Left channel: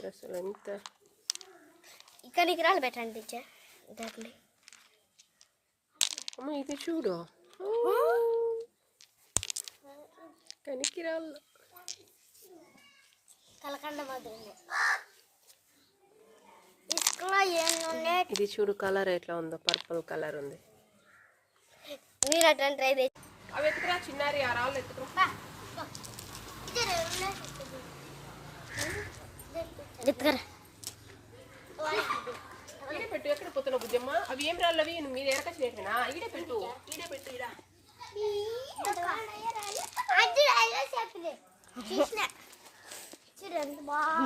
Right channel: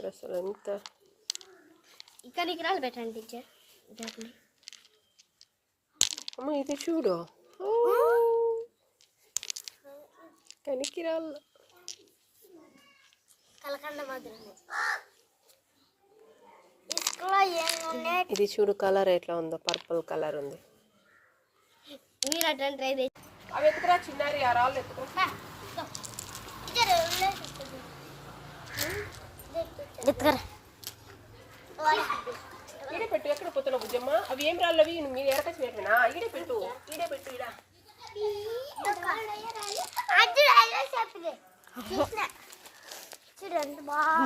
మీరు అసలు ఎంత ఇక్కడికి రాళ్ళు పెట్టండి టీచర్. అమ్మ ఇది చూడు, కనికి రాళ్ళు కలకండ మాదిరి. ఇది చూడు కలర్ ఎట్లా ఉందో, పర్పుల్ కలర్ ఉంది. మీరు అట్లా ట్రై చేసి అవి ఎత్తుకురా చిన్నారి, ఆ రాళ్ళు ఎత్తుకురా. ఈడే పెట్టు, ఎక్కడ పోతున్నావు బుజ్జమ్మ? అవి ఏం రాళ్ళు అవి? మీద ఎరకచ్చినట్లేనా? ఈడే పెట్టు, ఈడే పెట్టు. ఈడ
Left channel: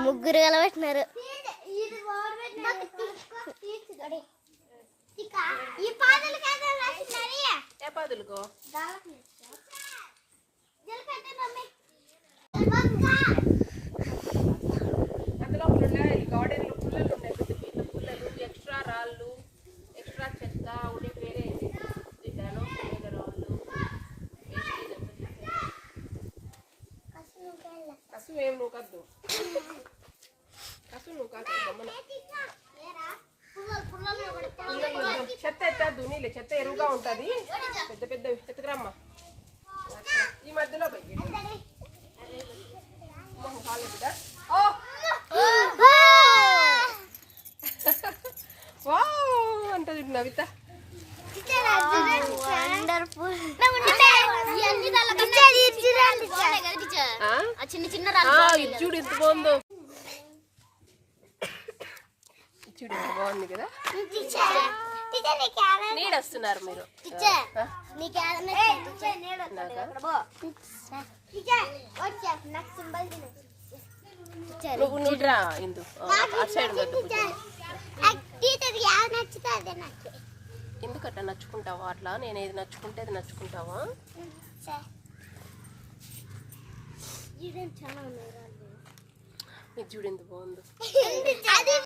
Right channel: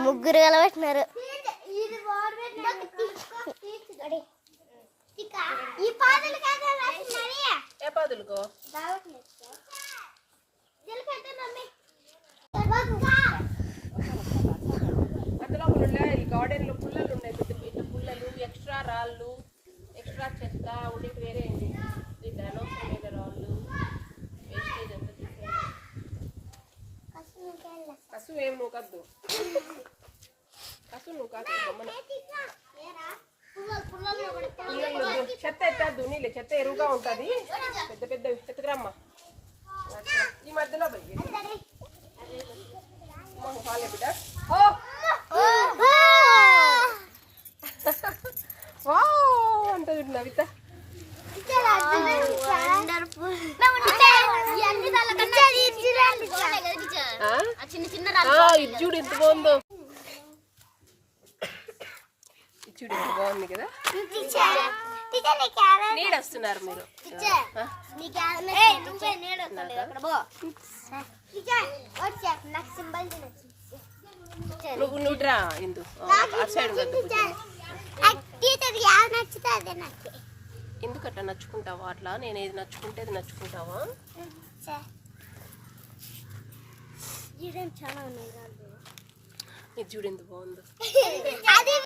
ముగ్గురు కలబెట్టినారు. ఏ పాదులుకో అందులో గార్డెన్లో పుల్లలు ఉన్నాయి, పెద్ద పెద్ద పుల్లలు, ఎక్స్ట్రా రాళ్ళు, ఎక్స్ట్రా చెత్త ఉండేది వేరే ఏంటి అనవసరమైన రాళ్ళు, వేస్టేజ్ అంతా. కసు ఏం నువ్వు కద్దు, కసు నువ్వు కాదు గమ్మన. చెత్త ఎత్తద్దు, నీళ్ళు చెత్త ఎరువుగా ఉంటుంది. పెద్ద పెద్ద ఎత్తుకురమ్మా. ఈ మధ్యలో అంటది నవిత. ఇది చూడు ఎంత బాగుందో, చూడు ఎంత బాగుంది కదా. నీడ వస్తున్నారు మీరు. నువ్వు రా ఇందు, అటు సైడ్ ఉండద్దు. ఎందుకట్లా నచ్చుకుంటావా? అట్లా నేను ఏది నచ్చుకుంటే అది నచ్చుకుంటావా? ఇది చూడు ఎంత బాగుందో.